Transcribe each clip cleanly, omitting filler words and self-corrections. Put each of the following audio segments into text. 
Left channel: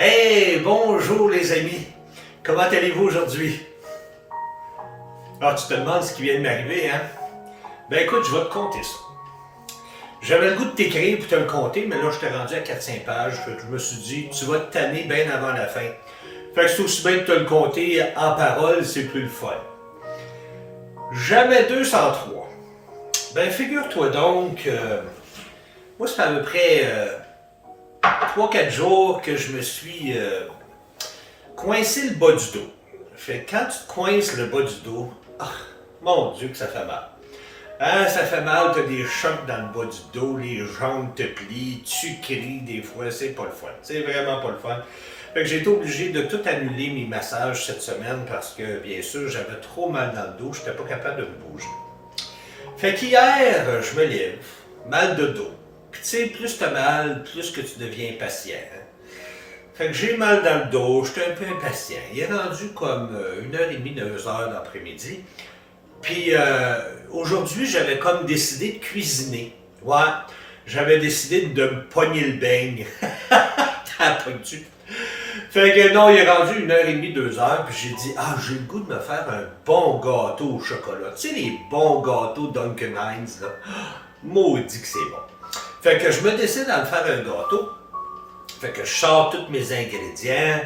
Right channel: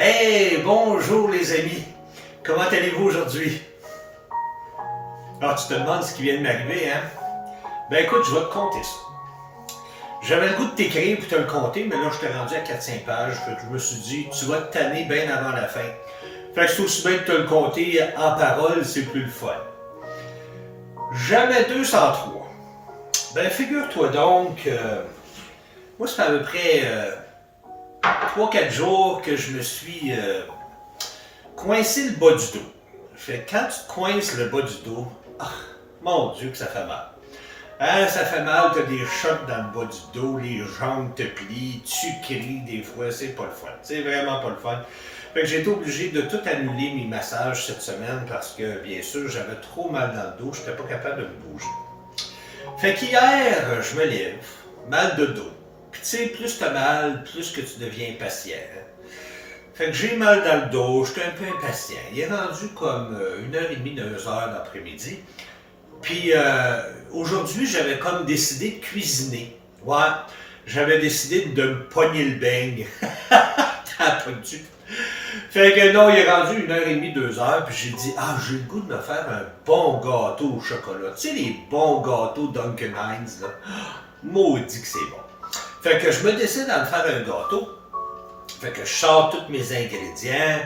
Hey, bonjour les amis. Comment allez-vous aujourd'hui? Ah, tu te demandes ce qui vient de m'arriver, hein? Ben écoute, je vais te conter ça. J'avais le goût de t'écrire pour te le conter, mais là, je t'ai rendu à 400 pages. Fait que je me suis dit, tu vas te tanner bien avant la fin. Fait que c'est aussi bien de te le conter en parole, c'est plus le fun. Jamais 203. Ben figure-toi donc, moi, ça fait à peu près 3-4 jours que je me suis coincé le bas du dos. Fait que quand tu te coinces le bas du dos, mon Dieu que ça fait mal. Hein, ça fait mal, t'as des chocs dans le bas du dos, les jambes te plient, tu cries des fois, c'est pas le fun. C'est vraiment pas le fun. Fait que j'ai été obligé de tout annuler mes massages cette semaine parce que, bien sûr, j'avais trop mal dans le dos, j'étais pas capable de me bouger. Fait qu'hier, je me lève, mal de dos. Puis tu sais, plus t'as mal, plus que tu deviens impatient. Hein? Fait que j'ai mal dans le dos, j'étais un peu impatient. Il est rendu comme 1h30, 2h l'après-midi. Puis aujourd'hui, j'avais comme décidé de cuisiner. Ouais, j'avais décidé de me pogner le beigne. T'as pogné. Fait que non, il est rendu 1h30, 2h, puis j'ai dit, j'ai le goût de me faire un bon gâteau au chocolat. Tu sais, les bons gâteaux Duncan Hines, là. Maudit que c'est bon. Fait que je me décide à me faire un gâteau. Fait que je sors tous mes ingrédients,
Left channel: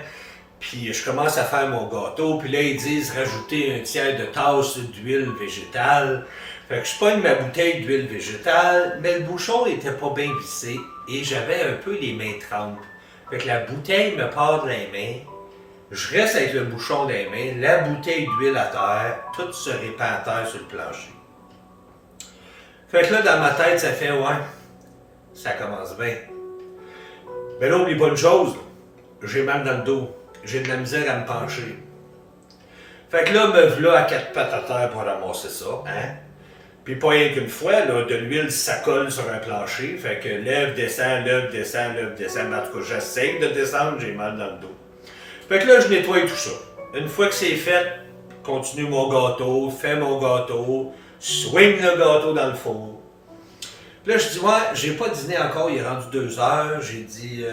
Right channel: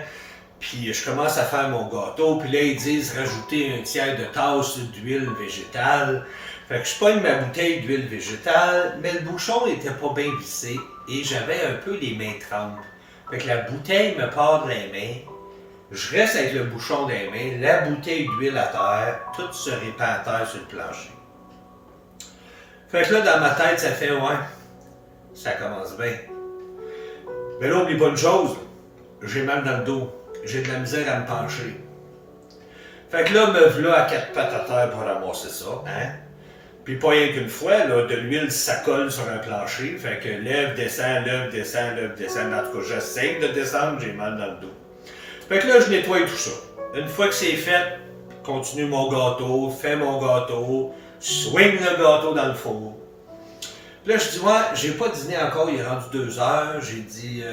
puis je commence à faire mon gâteau, puis là ils disent rajouter un tiers de tasse d'huile végétale. Fait que je pogne ma bouteille d'huile végétale, mais le bouchon était pas bien vissé et j'avais un peu les mains trempes. Fait que la bouteille me part de les mains, je reste avec le bouchon dans les mains, la bouteille d'huile à terre, tout se répand à terre sur le plancher. Fait que là dans ma tête ça fait ça commence bien. Mais là, oublie pas une chose, j'ai mal dans le dos, j'ai de la misère à me pencher. Fait que là, me v'là à 4 pattes à terre pour ramasser ça, hein. Puis pas rien qu'une fois, là, de l'huile, ça colle sur un plancher, fait que lève, descend, lève, descend, lève, descend. Mais en tout cas, j'essaie de descendre, j'ai mal dans le dos. Fait que là, je nettoie tout ça. Une fois que c'est fait, continue mon gâteau, fais mon gâteau, swing le gâteau dans le four. Puis là, je dis, j'ai pas dîné encore, il est rendu 2h. J'ai dit,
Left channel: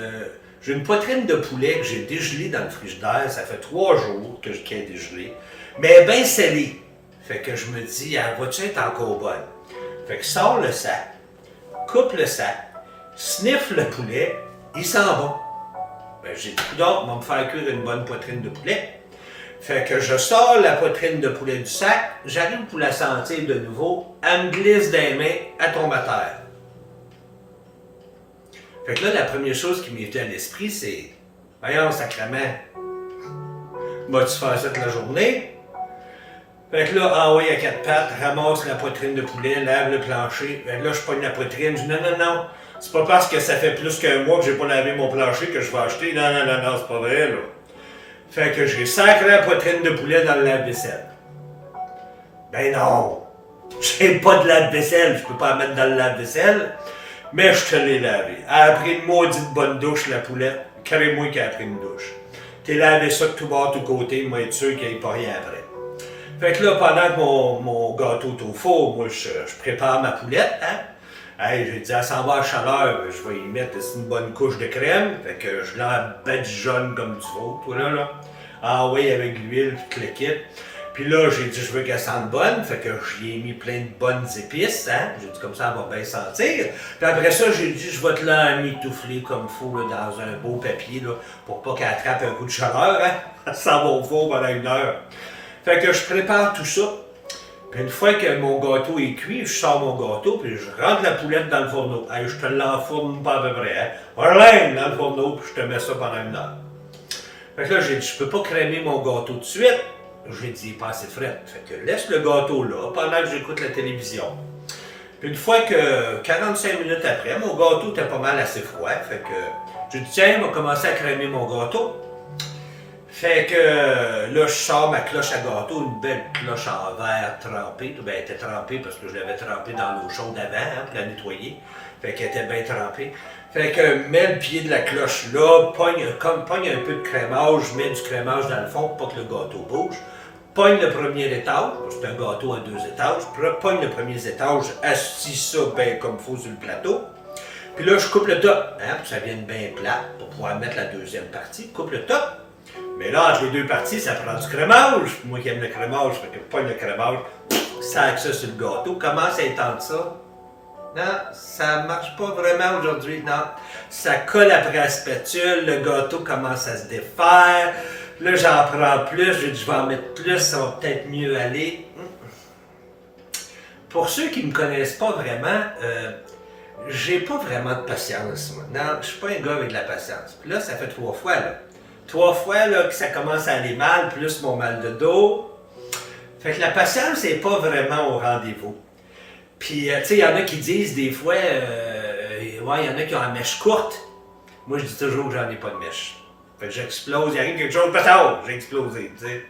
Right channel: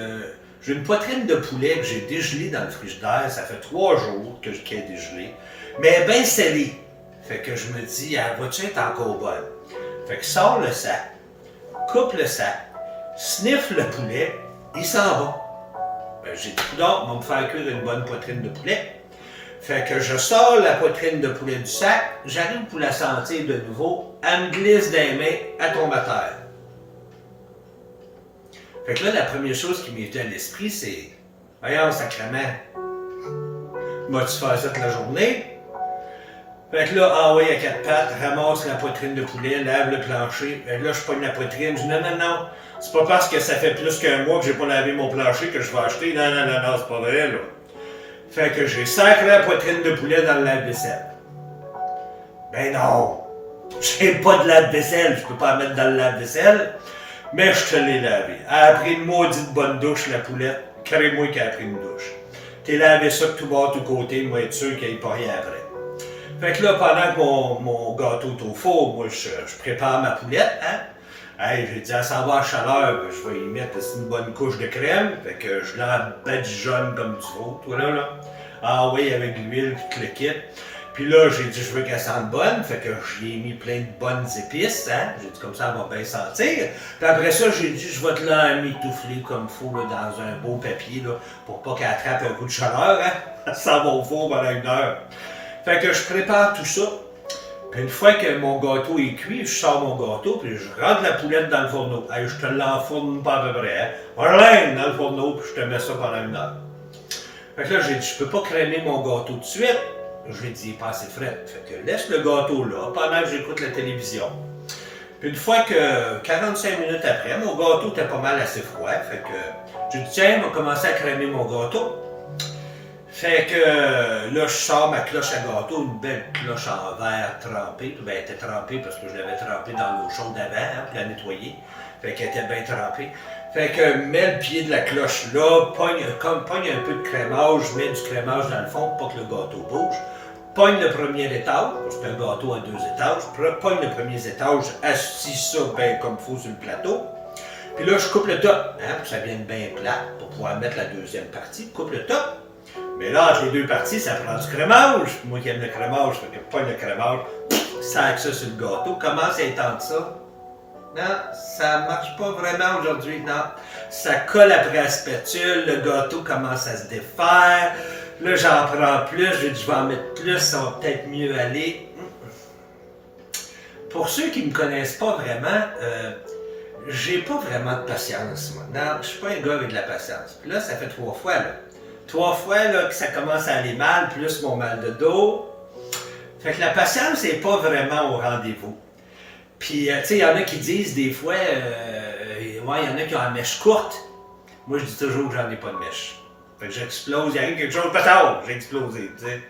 j'ai une poitrine de poulet que j'ai dégelée dans le frigidaire. Ça fait 3 jours qu'elle est dégelée. Mais elle est bien scellée. Fait que je me dis, va-tu être encore bonne? Fait que sors le sac, coupe le sac, sniffe le poulet, il sent bon. Ben, j'ai dit, coudonc, on va me faire cuire une bonne poitrine de poulet. Fait que je sors la poitrine de poulet du sac, j'arrive pour la sentir de nouveau, elle me glisse des mains, elle tombe à terre. Fait que là, la première chose qui m'est venue à l'esprit, c'est voyons, sacrément, vas-tu faire ça toute la journée? Fait que là, envoie à 4 pattes, ramasse la poitrine de poulet, lave le plancher. Fait que là, je pogne la poitrine, je dis non, c'est pas parce que ça fait plus qu'un mois que j'ai pas lavé mon plancher que je vais acheter. Non, c'est pas vrai, là. Fait que j'ai sacré la poitrine de poulet dans le lave-vaisselle. Ben non! J'ai pas de lave-vaisselle, je peux pas la mettre dans le lave-vaisselle, mais je te l'ai lavé. Elle a pris une maudite bonne douche, la poulette. Carré-moi qu'elle a pris une douche. T'es lavé ça de tout bord, tout côté, moi être sûr qu'il n'y ait pas rien après. Fait que là, pendant que mon gâteau est au four, moi je prépare ma poulette, hein. Hey, j'ai dit, elle s'en va à chaleur, je vais y mettre une bonne couche de crème, fait que je la badigeonne comme tu veux, toi là. Oui, avec l'huile, puis le kit. Puis là, j'ai dit, je veux qu'elle sente bonne, fait que j'y ai mis plein de bonnes épices, hein. J'ai dit, comme ça, elle va bien sentir. Puis après ça, j'ai dit, je vais te l'emmitoufler comme il faut, là, dans un beau papier, là, pour pas qu'elle attrape un coup de chaleur, hein. Ça va au four pendant 1 heure. Fait que je prépare tout ça. Puis une fois que mon gâteau est cuit, je sors mon gâteau, puis je rentre la poulette dans le fourneau. Hey, je te l'enfourne pas à peu près, hein. Voilà, dans le fourneau, puis je te mets ça pendant 1 heure. Fait que là, j'ai dit, je peux pas crémer mon gâteau tout de suite. J'ai dit, il est pas assez frais. Fait que laisse le gâteau là, pendant que j'écoute la télévision. Puis une fois que, 45 minutes après, mon gâteau était pas mal assez froid. Fait que, j'ai dit, tiens, on va commencer à crémer mon gâteau. Fait que là, je sors ma cloche à gâteau, une belle cloche en verre trempée. Ben, elle était trempée parce que je l'avais trempée dans l'eau chaude avant, hein, pour la nettoyer. Fait qu'elle était bien trempée. Fait que mets le pied de la cloche là, pogne un peu de crémage, mets du crémage dans le fond pour pas que le gâteau bouge. Pogne le premier étage, parce que c'est un gâteau à 2 étages. Pogne le premier étage, assis ça bien comme il faut sur le plateau. Puis là, je coupe le top, hein, pour que ça vienne bien plate, pour pouvoir mettre la deuxième partie. Coupe le top. Mais là, entre les deux parties, ça prend du crémage. Moi qui aime le crémage, je fais que pas le crémage, sac ça sur le gâteau. Commence à étendre ça. Non, ça marche pas vraiment aujourd'hui, non. Ça colle après la spatule, le gâteau commence à se défaire. Là, j'en prends plus, je vais en mettre plus, ça va peut-être mieux aller. Pour ceux qui me connaissent pas vraiment, j'ai pas vraiment de patience, moi. Non, je suis pas un gars avec de la patience. Puis là, ça fait 3 fois, là. 3 fois, là, que ça commence à aller mal, plus mon mal de dos. Fait que la patience n'est pas vraiment au rendez-vous. Puis, tu sais, il y en a qui disent des fois, ouais, il y en a qui ont la mèche courte. Moi, je dis toujours que j'en ai pas de mèche. Fait que j'explose, il arrive quelque chose, patard, j'ai explosé, tu sais.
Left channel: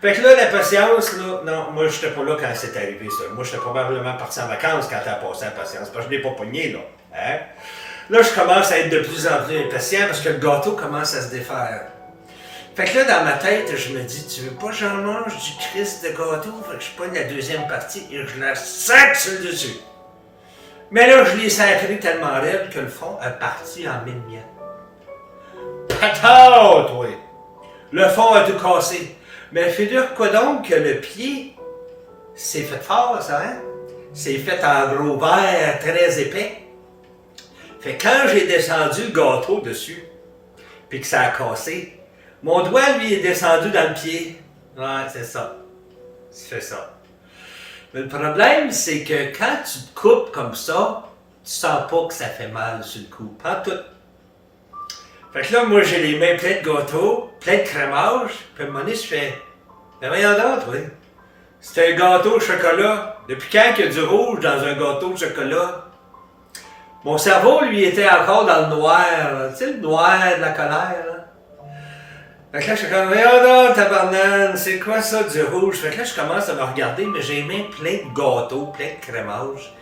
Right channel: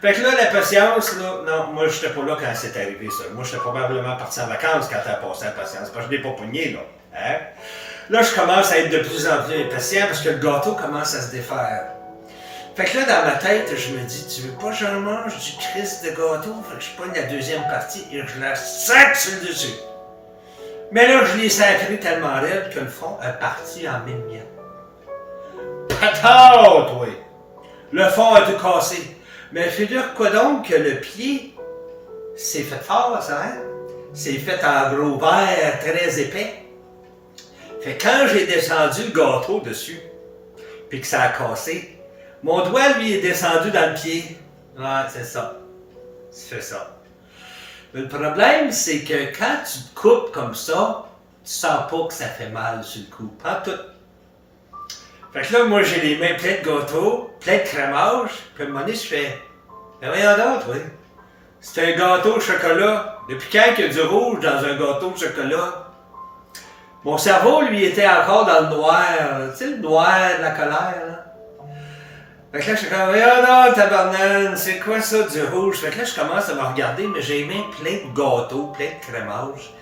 Fait que là, la patience, là, non, moi, j'étais pas là quand c'est arrivé, ça. Moi, j'étais probablement parti en vacances quand t'as passé la patience, parce que je l'ai pas pogné, là. Hein? Là, je commence à être de plus en plus impatient parce que le gâteau commence à se défaire. Fait que là, dans ma tête, je me dis, tu veux pas que j'en mange du Christ de gâteau? Fait que je pogne la deuxième partie et je la sac sur le dessus. Mais là, je l'ai sacré tellement raide que le fond est parti en 1000 miettes. Patate, oui! Le fond a tout cassé. Mais figure quoi donc que le pied, c'est fait fort, ça, hein? C'est fait en gros verre très épais. Fait que quand j'ai descendu le gâteau dessus, puis que ça a cassé, mon doigt, lui, est descendu dans le pied. Ouais, c'est ça. Tu fais ça. Mais le problème, c'est que quand tu te coupes comme ça, tu sens pas que ça fait mal sur le coup. Pas tout. Fait que là, moi, j'ai les mains pleines de gâteaux, plein de crémage, puis à un moment donné, je fais, ben voyons donc, oui. C'est un gâteau au chocolat. Depuis quand il y a du rouge dans un gâteau de chocolat? Mon cerveau, lui, était encore dans le noir. Tu sais, le noir de la colère, là. Fait que là, je suis comme, voyons donc, tabarnane, c'est quoi ça, du rouge? Fait que là, je commence à me regarder, mais j'ai les mains pleines de gâteaux, plein de crémage.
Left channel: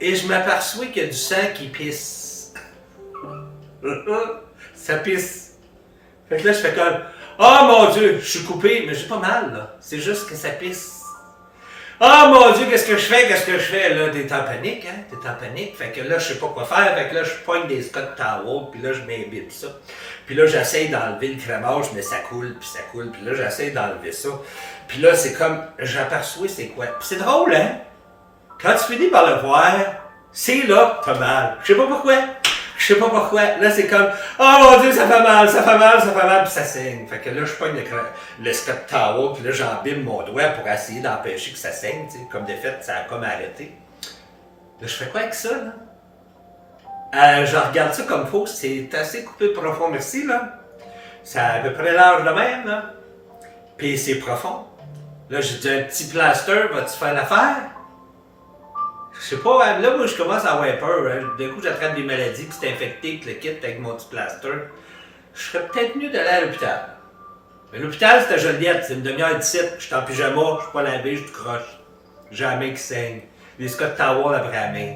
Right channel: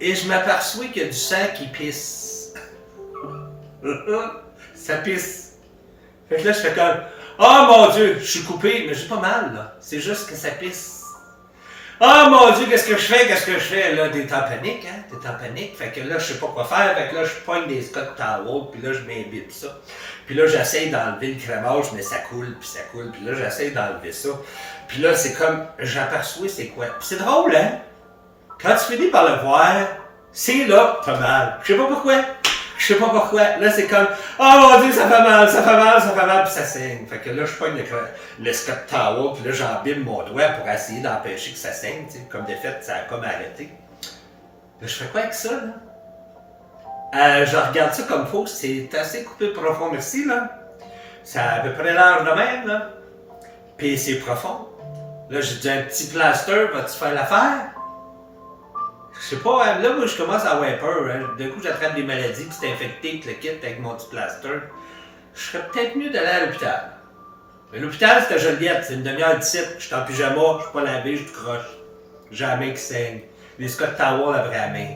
Et je m'aperçois qu'il y a du sang qui pisse. Ça pisse. Fait que là, je fais comme, oh mon Dieu, je suis coupé, mais j'ai pas mal, là. C'est juste que ça pisse. Oh mon Dieu, qu'est-ce que je fais? Qu'est-ce que je fais? Là, t'es en panique, hein? T'es en panique. Fait que là, je sais pas quoi faire. Fait que là, je pogne des Scott Towel, puis là, je m'imbibe ça. Puis là, j'essaie d'enlever le crémage, mais ça coule, puis ça coule. Puis là, j'essaie d'enlever ça. Puis là, c'est comme, j'aperçois c'est quoi. Puis c'est drôle, hein? Quand tu finis par le voir, c'est là que t'as mal. Je sais pas pourquoi. Je sais pas pourquoi. Là, c'est comme, oh mon Dieu, ça fait mal, ça fait mal, ça fait mal, puis ça saigne. Fait que là, je pogne le Scott Towel, puis là, j'embibe mon doigt pour essayer d'empêcher que ça saigne, tu sais. Comme de fait, ça a comme arrêté. Là, je fais quoi avec ça, là? Je regarde ça comme faux, c'est assez coupé profond, merci, là. Ça a à peu près l'âge de même, là. Puis c'est profond. Là, j'ai dit, un petit plaster, vas-tu faire l'affaire? Je sais pas, hein, là, moi, je commence à avoir peur. Hein. D'un coup, j'attrape des maladies, puis c'est infecté, puis le kit avec mon petit plaster. Je serais peut-être mieux d'aller à l'hôpital. Mais l'hôpital, c'est à Joliette, c'est une demi-heure d'ici. Je suis en pyjama, je suis pas lavé, je te croche. J'ai la main qui saigne. Les Scott Towel après la main.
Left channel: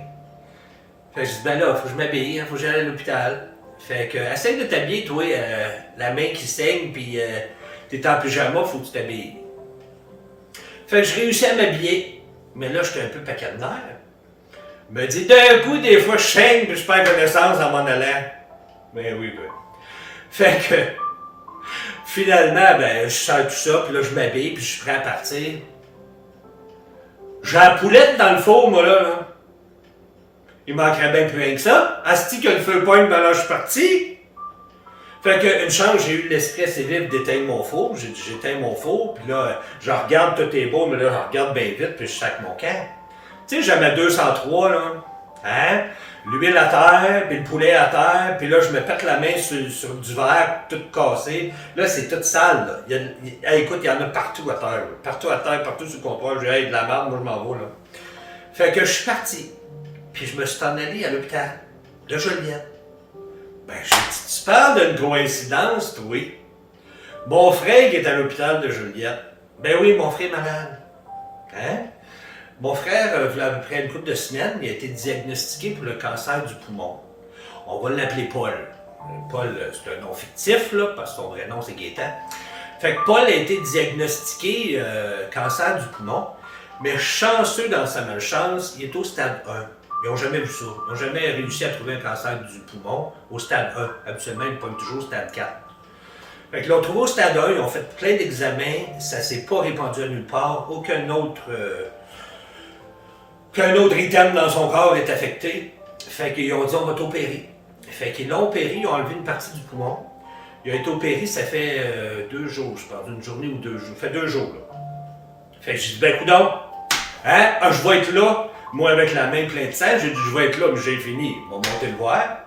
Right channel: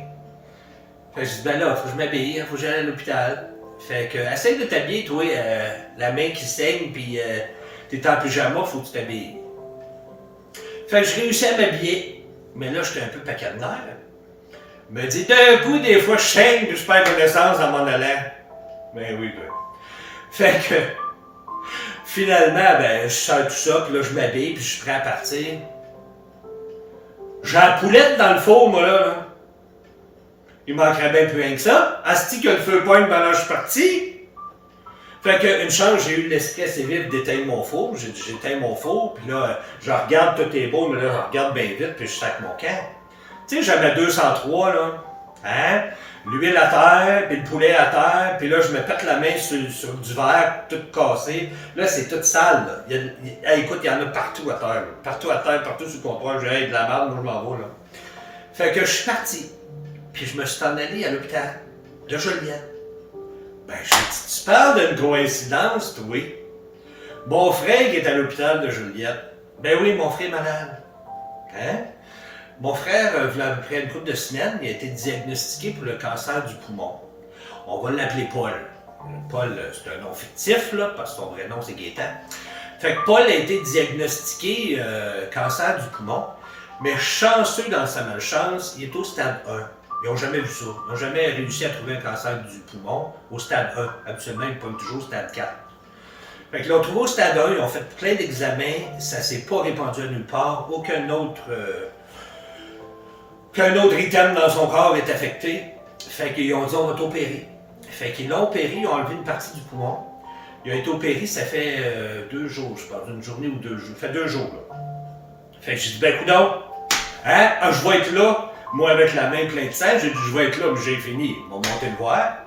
Fait que je dis, ben là, faut que je m'habille, faut que j'aille à l'hôpital. Fait que, essaye de t'habiller, toi, la main qui saigne, puis t'es en pyjama, faut que tu t'habilles. Fait que je réussis à m'habiller. Mais là, j'étais un peu paquet de nerfs. Me dit, d'un coup, des fois, je saigne puis je perds connaissance en m'en allant. Ben oui, ben. Fait que, finalement, ben, je sors tout ça, puis là, je m'habille, puis je suis prêt à partir. J'ai la poulette dans le four, moi, là. Il manquerait bien plus rien que ça. Asti que le feu pogne, ben là, je suis parti. Fait que, une chance, j'ai eu l'esprit assez vif d'éteindre mon four. J'éteins mon four, puis là, je regarde, tout est beau, mais là, je regarde bien vite, puis je sac mon camp. Tu sais, j'avais 203, là. Hein? L'huile à terre, puis le poulet à terre, puis là, je me pète la main sur du verre, tout cassé. Là, c'est tout sale, là. Écoute, il y en a partout à terre. Là. Partout à terre, partout sur le comptoir. J'ai de la merde, moi, je m'en vais, là. Fait que je suis parti. Puis je me suis en allé à l'hôpital de Joliette. Ben, j'ai dit, tu parles d'une coïncidence, toi? Mon frère qui est à l'hôpital de Joliette. Ben oui, mon frère est malade. Hein? Mon frère, il y a à peu près une couple de semaines, il a été diagnostiqué pour le cancer du poumon. On va l'appeler Paul. Paul, c'est un nom fictif, là, parce que son vrai nom, c'est Gaétan. Fait que Paul a été diagnostiqué cancer du poumon, mais chanceux dans sa malchance, il est au stade 1. Ils n'ont jamais vu ça. Ils n'ont jamais réussi à trouver un cancer du poumon au stade 1. Habituellement, ils pognent toujours au stade 4. Fait qu'ils l'ont trouvé au stade 1, ils ont fait plein d'examens, ça s'est pas répandu à nulle part, aucun autre item dans son corps est affecté. Fait qu'ils ont dit on va t'opérer. Fait qu'ils l'ont opéré, ils ont enlevé une partie du poumon. Il a été opéré, ça fait 2 jours, je pense, une journée ou 2 jours. Ça fait 2 jours, là. Fait que j'ai dit, ben coudonc, hein, je vais être là, moi avec la main pleine de sang, j'ai dit, je vais être là, mais j'ai fini, ils m'ont monté le voir.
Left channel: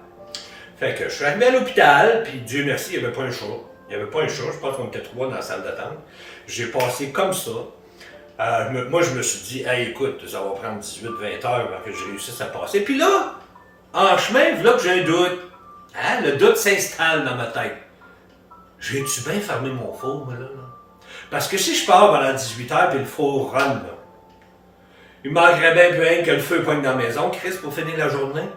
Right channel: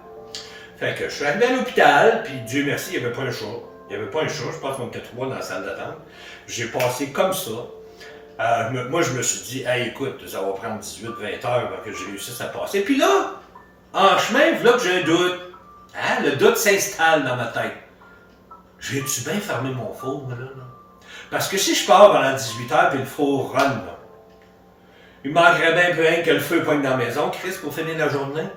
Fait que je suis arrivé à l'hôpital, puis Dieu merci, il n'y avait pas un chat. Il n'y avait pas un chat, je pense qu'on était 3 dans la salle d'attente. J'ai passé comme ça. Moi, je me suis dit, hey, écoute, ça va prendre 18-20 heures avant que je réussisse à passer. Puis là, en chemin, voilà que j'ai un doute. Hein? Le doute s'installe dans ma tête. J'ai-tu bien fermé mon four, moi, là? Parce que si je pars pendant 18 heures et le four run, là, il manquerait bien peu rien que le feu poigne dans la maison, Chris, pour finir la journée.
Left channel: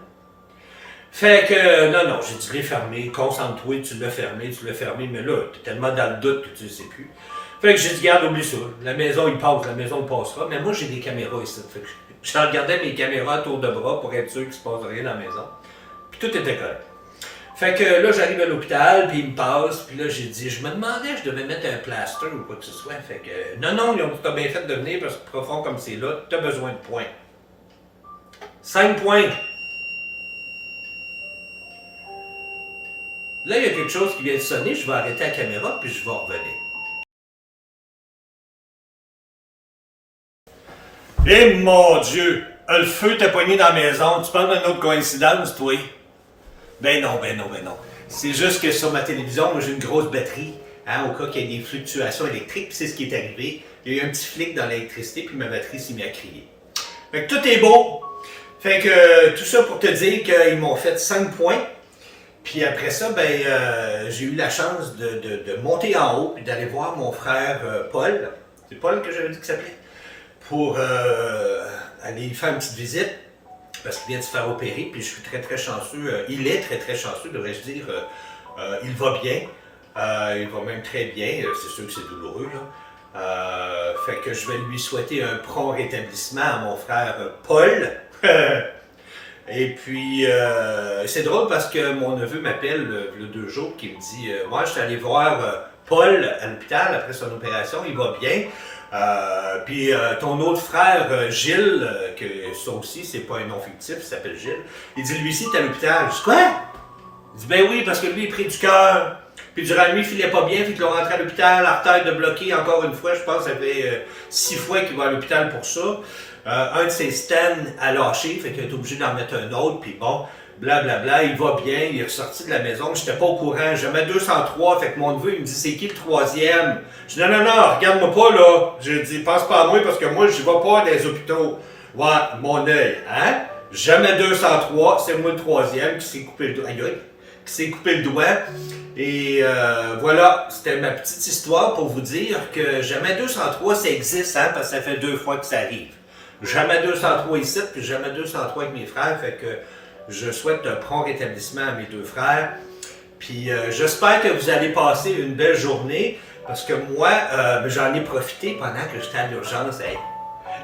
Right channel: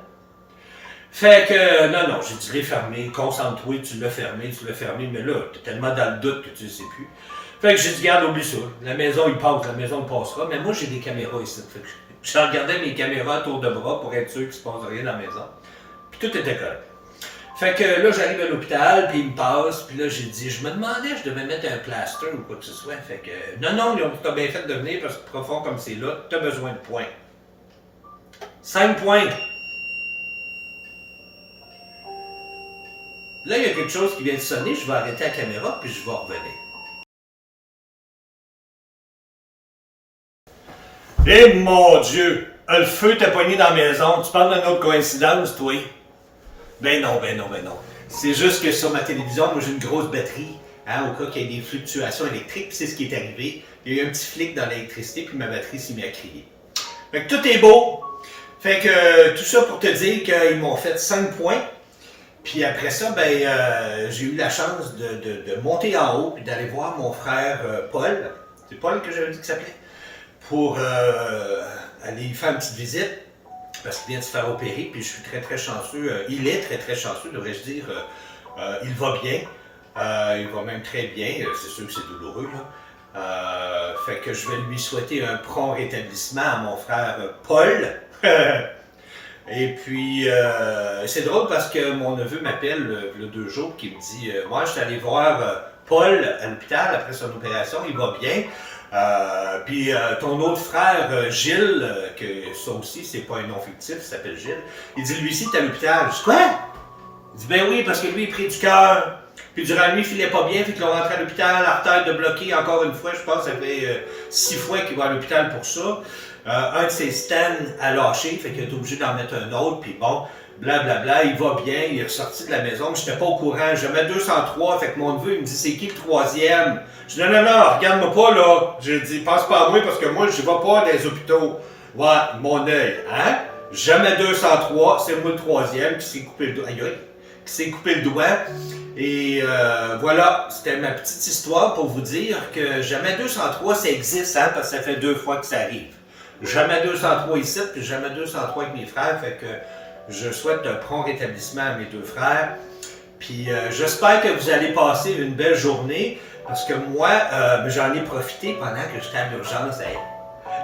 Fait que, non, j'ai dit, l'ai fermé, concentre-toi, tu l'as fermé, mais là, t'es tellement dans le doute que tu ne sais plus. Fait que j'ai dit, garde, oublie ça, la maison, il passe, la maison, il passera, mais moi, j'ai des caméras ici, fait que je regardais mes caméras à tour de bras pour être sûr qu'il se passe rien dans la maison. Puis tout était correct. Fait que là, j'arrive à l'hôpital, puis il me passe, puis là, j'ai dit, je me demandais, je devais mettre un plaster ou quoi que ce soit. Fait que, non, ils ont tout bien fait de venir, parce que profond comme c'est là, t'as besoin de points. 5 points. Là, il y a quelque chose qui vient de sonner, je vais arrêter la caméra, puis je vais revenir. Eh mon Dieu! Le feu t'a pogné dans la maison, tu parles d'une autre coïncidence, toi? Ben non. C'est juste que sur ma télévision, moi j'ai une grosse batterie, hein, au cas qu'il y ait des fluctuations électriques, puis c'est ce qui est arrivé. Il y a eu un petit flic dans l'électricité, puis ma batterie s'est mise à crier. Fait que tout est beau. Fait que tout ça pour te dire qu'ils m'ont fait 5 points. Puis après ça, j'ai eu la chance de monter en haut, puis d'aller voir mon frère Paul. C'est Paul que j'avais dit qu'il s'appelait? Pour aller faire une petite visite. Parce qu'il vient de se faire opérer, puis je suis très très chanceux. Il est très très chanceux, devrais-je dire. Il va bien. Il va même très bien. C'est sûr que c'est douloureux, là. Fait que je vais lui souhaiter un prompt rétablissement à mon frère Paul. Et puis, c'est drôle parce que mon neveu m'appelle le 2 jours, qui me dit moi, je suis allé voir Paul à l'hôpital après son opération, il va bien. Puis ton autre frère, Gilles, que ça aussi, c'est pas un nom fictif, il s'appelle Gilles, il dit lui aussi, t'es à l'hôpital. Je dis quoi? Il dit ben oui, parce que lui, il est pris du cœur. Puis durant la nuit, il filait pas bien, fait qu'ils l'ont rentré à l'hôpital, artère de bloquer encore une fois, je pense que ça fait 6 fois qu'il va à l'hôpital pour ça. Un de ses stents a lâché, fait qu'il a été obligé d'en mettre un autre, puis bon, blablabla, il va bien, il est ressorti de la maison, mais j'étais pas au courant, je mets 203, fait que mon neveu, il me dit, c'est qui le 3e? Je dis, non, regarde-moi pas, là. Je dis, pense pas à moi, parce que moi, je vais pas dans les hôpitaux. Ouais, mon œil, hein? Jamais 203, c'est moi le 3e qui s'est coupé le doigt. Aïe, qui s'est coupé le doigt. Et voilà, c'était ma petite histoire pour vous dire que jamais 203, ça existe, hein, parce que ça fait 2 fois que ça arrive. Jamais 203 ici, puis jamais 203 avec mes frères, fait que je souhaite un prompt rétablissement à mes 2 frères. Puis j'espère que vous allez passer une belle journée, parce que moi, j'en ai profité pendant que j'étais à l'urgence. Hey,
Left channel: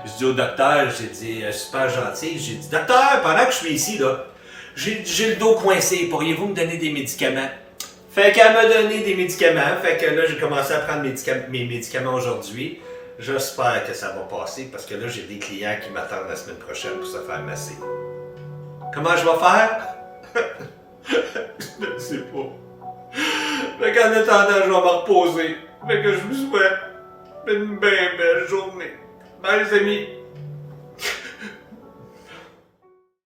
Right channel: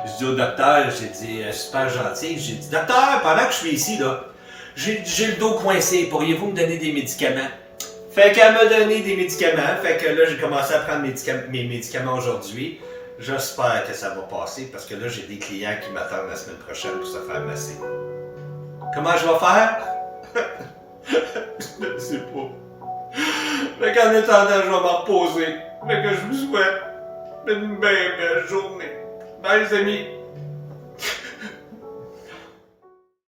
je dis au docteur, j'ai dit, super gentil, j'ai dit, docteur, pendant que je suis ici, là, j'ai le dos coincé, pourriez-vous me donner des médicaments? Fait qu'elle m'a donné des médicaments, fait que là, j'ai commencé à prendre mes médicaments aujourd'hui. J'espère que ça va passer, parce que là, j'ai des clients qui m'attendent la semaine prochaine pour se faire masser. Comment je vais faire? Je ne sais pas. Fait qu'en attendant, je vais me reposer. Fait que je vous souhaite une belle journée. Bye les amis!